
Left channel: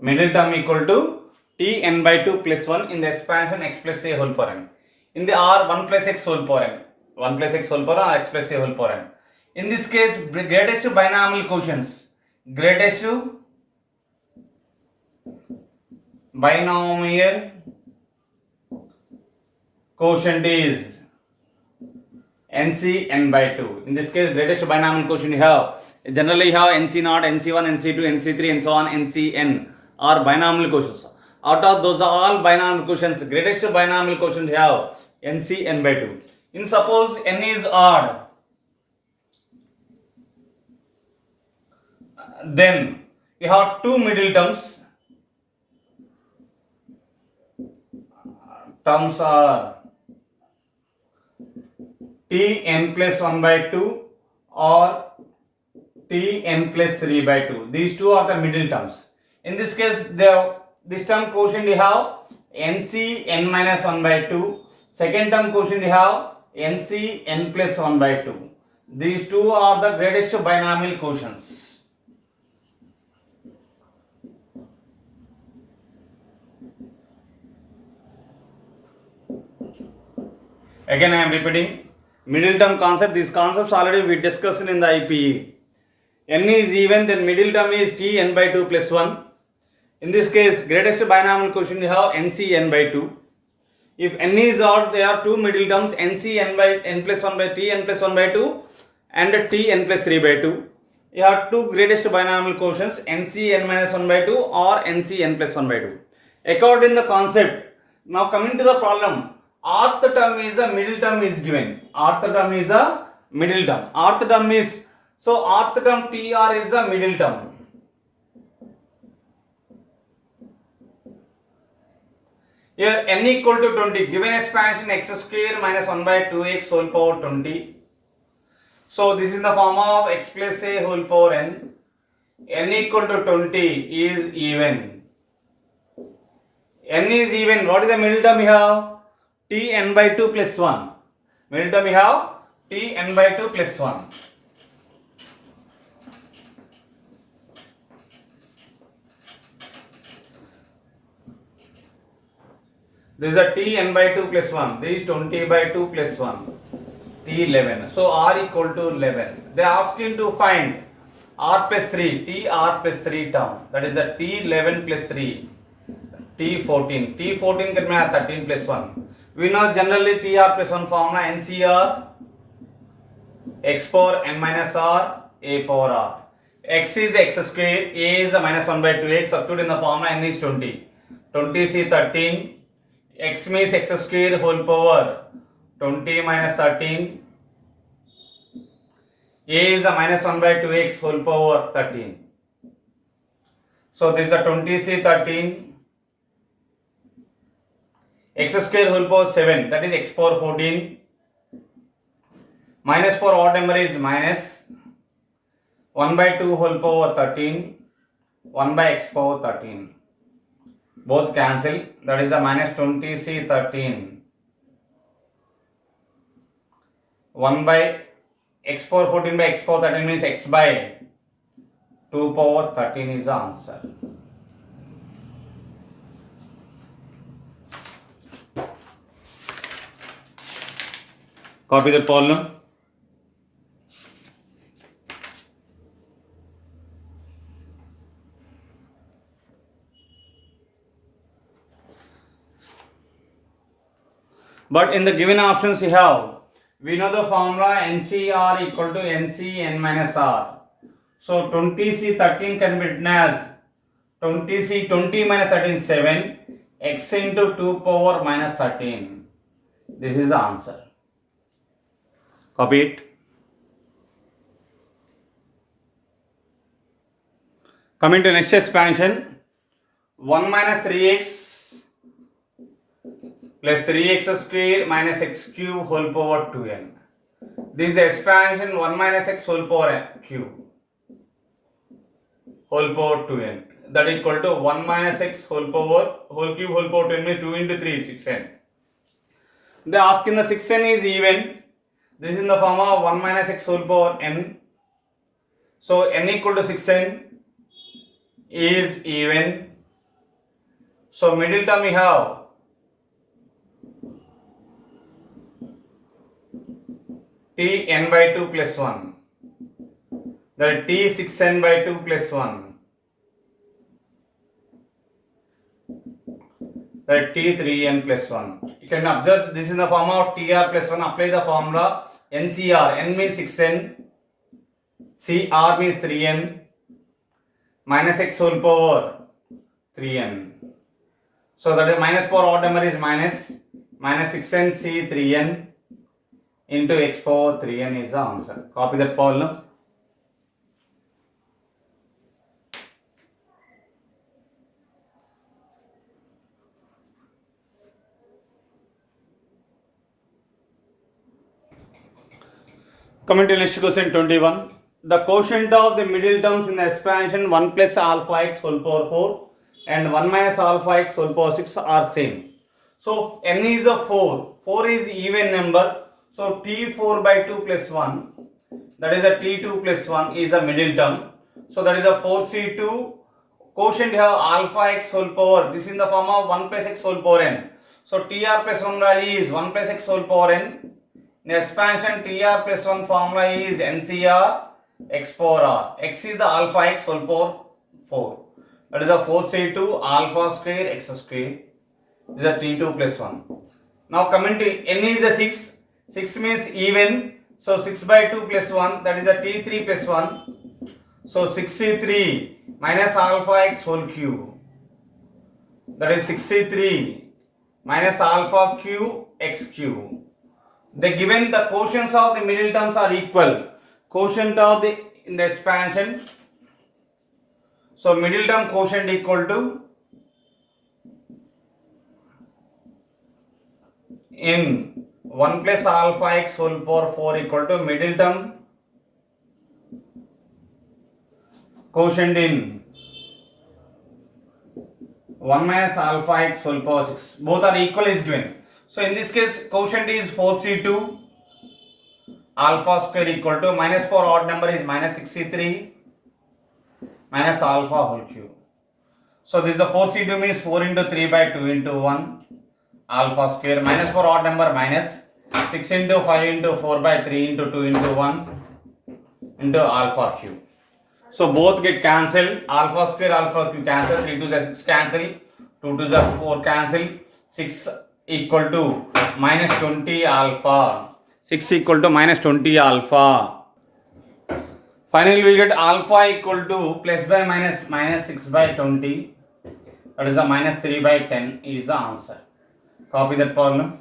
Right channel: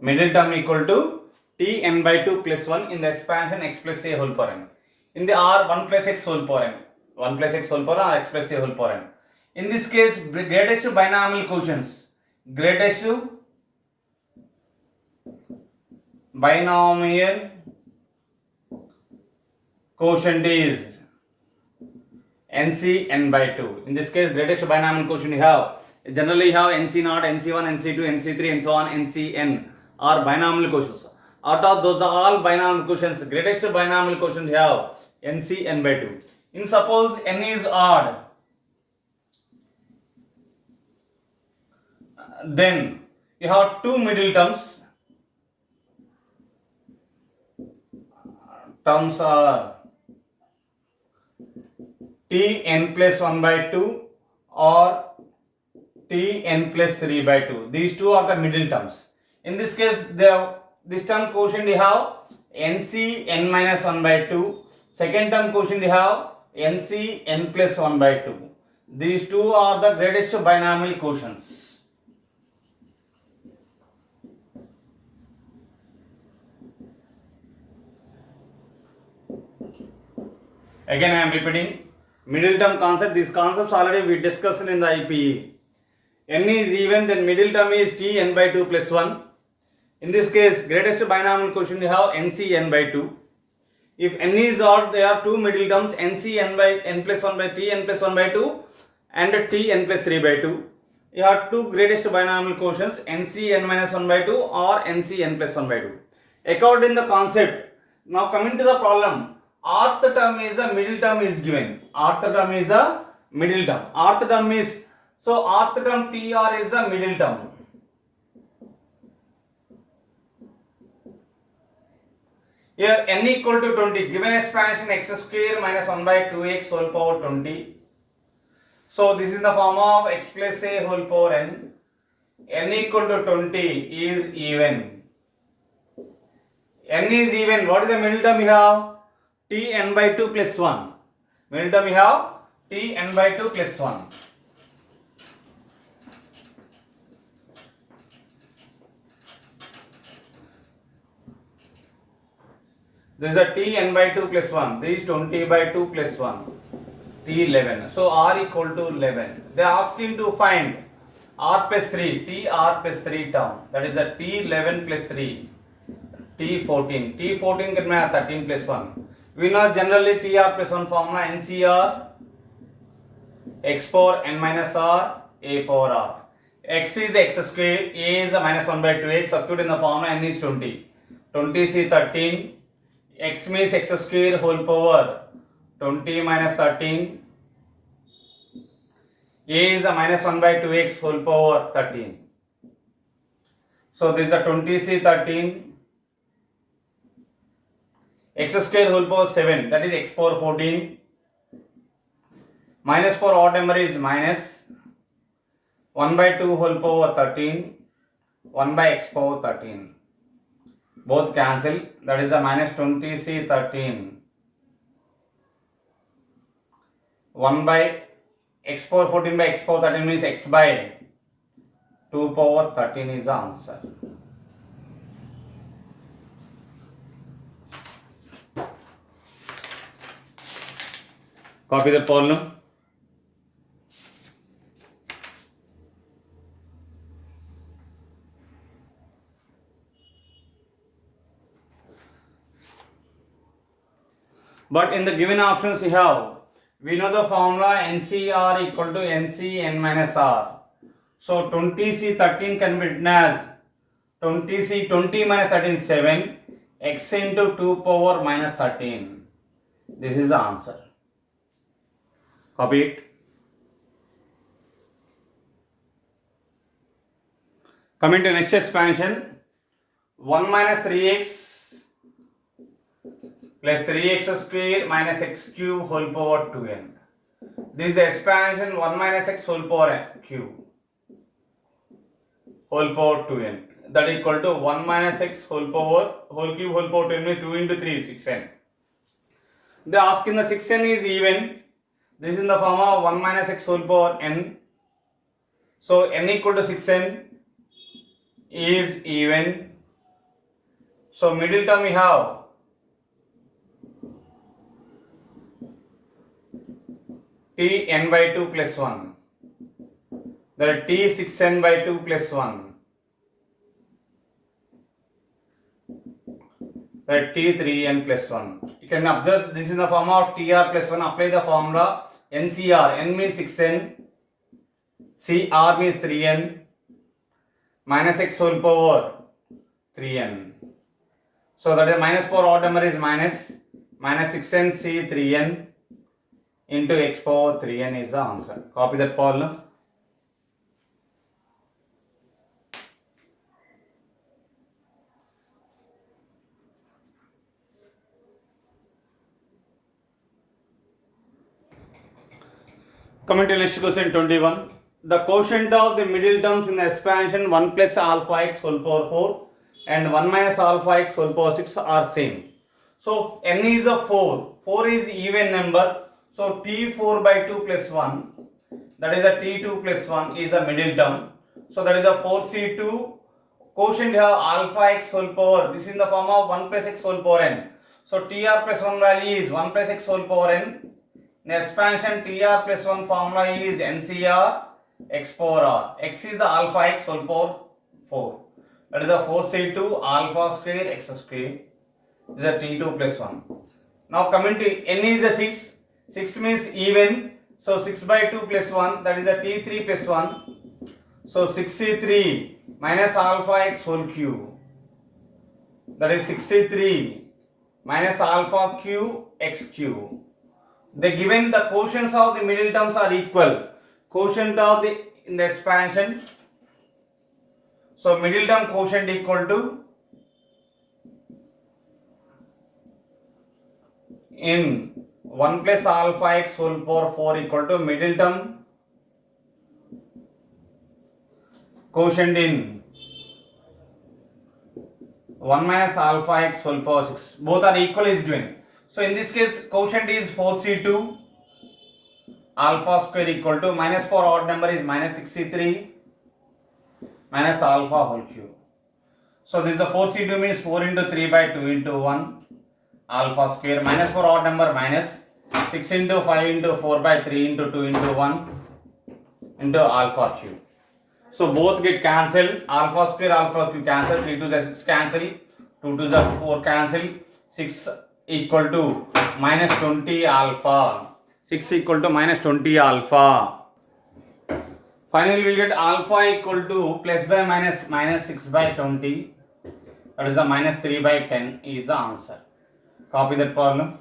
Middle term equal to t n by 2 plus 1 in the expansion x plus a whole power n. In the R 1 plus x whole power n. 1 plus x whole power n or x plus a whole power n. In this case, greatest binomial quotients. Greatest binomial quotient is NC n by 2. In this case, greatest binomial quotient you have. Generally you have NC0, NC1, NC2, NC3 and so on, NCn are binomial quotients. Out of those are all binomial quotients. Greatest binomial quotient you have NC n by 2. In suppose n is odd, then you have two middle terms. Terms are t n plus 1 by 2 or t n plus 3 by 2. These two are the middle terms. In this case, this term quotient you have NC n minus 1 by 2. Second term quotient you have NC n plus 1 by 2. These two are the greatest binomial quotients. Again I am repeating middle term concept. These concepts already we discussed in the IPE. N is even, then middle term is t n by 2 plus 1. In this case, greatest binomial quotient you have NC n by 2. If n is odd, there are two middle terms NC n by n plus 1 by t n plus 1 by 2 and t n plus 3 by 2. You have two greatest binomial quotients NC n minus 1 by 2 or NC n plus 1 by 2. According to the concept, now coming to the problem, rth term is a middle term is given. Rth term is a middle term. Rth term is, so rth term TR is the middle term. Here n equal to 20, given expansion x square minus 1 by 2x whole power 20. So this is the form of x plus a whole power n. N equal to 20 is even. N is even. What is the middle term you have? T n by 2 plus 1. Middle term you have T n by 2 plus 1. This is a t n by 2 plus 1. This is 20 by 2 plus 1. T 11. So R equal to 11. They are asking to find R plus 3. T R plus 3 term. That is a T 11 plus 3. T 14. T 14 can be 13 plus 1. We know generally T R plus 1 formula NCR x power n minus R a power R. X is the x square. A is the minus 1 by 2x. Substitute in the formula n is 20. 20 C 13. X means x square whole power 20 minus 13. A is a minus 1 by 2x whole power 13. So this is the 20c 13. X square whole power 7, that is x power 14. Minus for odd number is minus. 1 by 2 whole power 13, 1 by x power 13. Both cancel, that is the minus 20c 13. 1 by x power 14 by x power 13 means x by 2 power 13 is the answer. Copy that problem. But in the given options we know the formula NCR equal to NC n minus R. So 20C 13 can be written as 20C 20 minus 13 7 x into 2 power minus 13. This is the answer. Copy it. Coming to next expansion, 1 minus 3x plus 3x square minus x cube whole power 2n. This is the expansion 1 minus x whole power cube whole power 2n. That equal to 1 minus x whole cube whole power 2n means 2 into 3 6n. They ask in the 6n is even. This is in the form of 1 minus x whole power n. So n equal to 6n is even. So middle term we have t n by 2 plus 1. That is t 6n by 2 plus 1. That is t 3n plus 1. You can observe this in the form of tr plus 1. Apply the formula NCR. N means 6n. CR means 3n. Minus x whole power 3n. So that is minus power odd number is minus 6n c 3n into x power 3n is the answer. Copy that problem. Coming to next question 21. The quotient of the middle terms in the expansion 1 plus alpha x whole power 4 and 1 minus alpha x whole power 6 are same. So n is a 4. 4 is even number. So t4 by 2 plus 1, that is a t2 plus 1 is a middle term. So that is a 4c2. Quotient have alpha x whole power. This is in the form of 1 plus x whole power n. So tr plus 1 value is 1 plus x whole power n. In expansion tr plus 1 formula is NCR x power r. X is the alpha x whole power 4. That is a 4c2 alpha square x square. This is a t2 plus 1. Now coming to n is a 6. 6 means even. So 6 by 2 plus 1, that is a t3 plus 1. So 6c3 minus alpha x whole cube. That is 6c3 minus alpha cube x cube. The given the quotients of the middle terms are equal. Quotient of the in the expansion. So middle term quotient equal to in 1 plus alpha x whole power 4 equal to middle term quotient in 1 minus alpha x whole power 6. Both are equal is given. So in this case quotient is 4c2 alpha square equal to minus power odd number is minus 6c3 minus alpha whole cube. So this is the 4c2 means 4 into 3 by 2 into 1 alpha square minus power odd number minus 6 into 5 into 4 by 3 into 2 into 1 into alpha cube. So both get cancelled. Alpha square alpha cube cancel. 3 to the 6 cancel. 2 to the 4 cancel. 6 equal to minus 20 alpha. 6 equal to minus 20 alpha. Finally we will get alpha equal to plus by minus 6 by 20. That is the minus 3 by 10 is the answer. Copy that problem.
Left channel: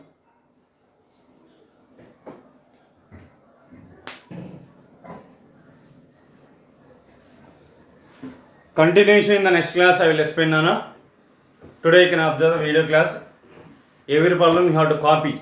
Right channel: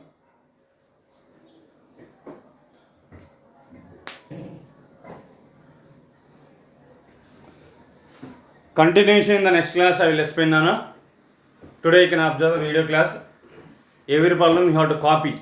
Continuation in the next class I will explain Nana. Today you can observe the video class. Every problem you have to copy.